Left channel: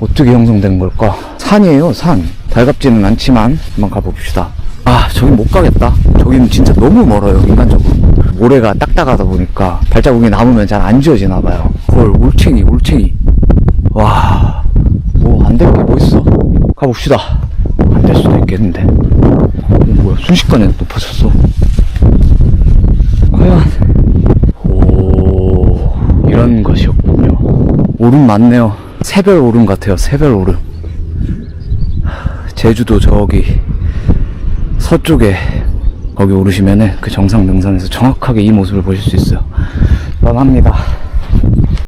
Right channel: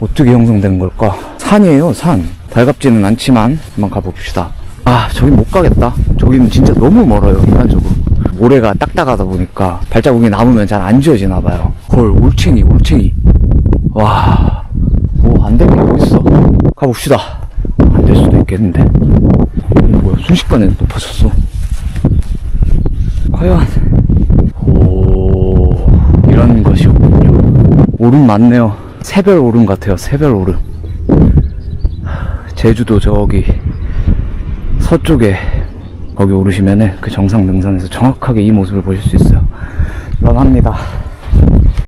어떻게 형성된 걸까? 산이에요, 산. 달갑지는 않지만 한번 가봅시다. 아, 저긴 못 가겠다. 저기는 진짜 너무 멀어요, 인간적으로. 모래가 딱딱하다 보니까 발자국이 남으면 잘 안 지워지나 봐요. 헐, 올챙이. 와, 뭐 안 될 게 뭐 있어. 가봅시다. 안 될 수도 있겠는데. 뭐야, 순식간에 높아졌어. 과연. 오, 이런 것이었군요. 오름 맞네요. 새별 오름 같아요, 새별 오름. 제주도 저기 서쪽에 거기 오르시면은 그 정상 능선에서 정확하게 이 모습을 보실 수 있어요. 런합니다.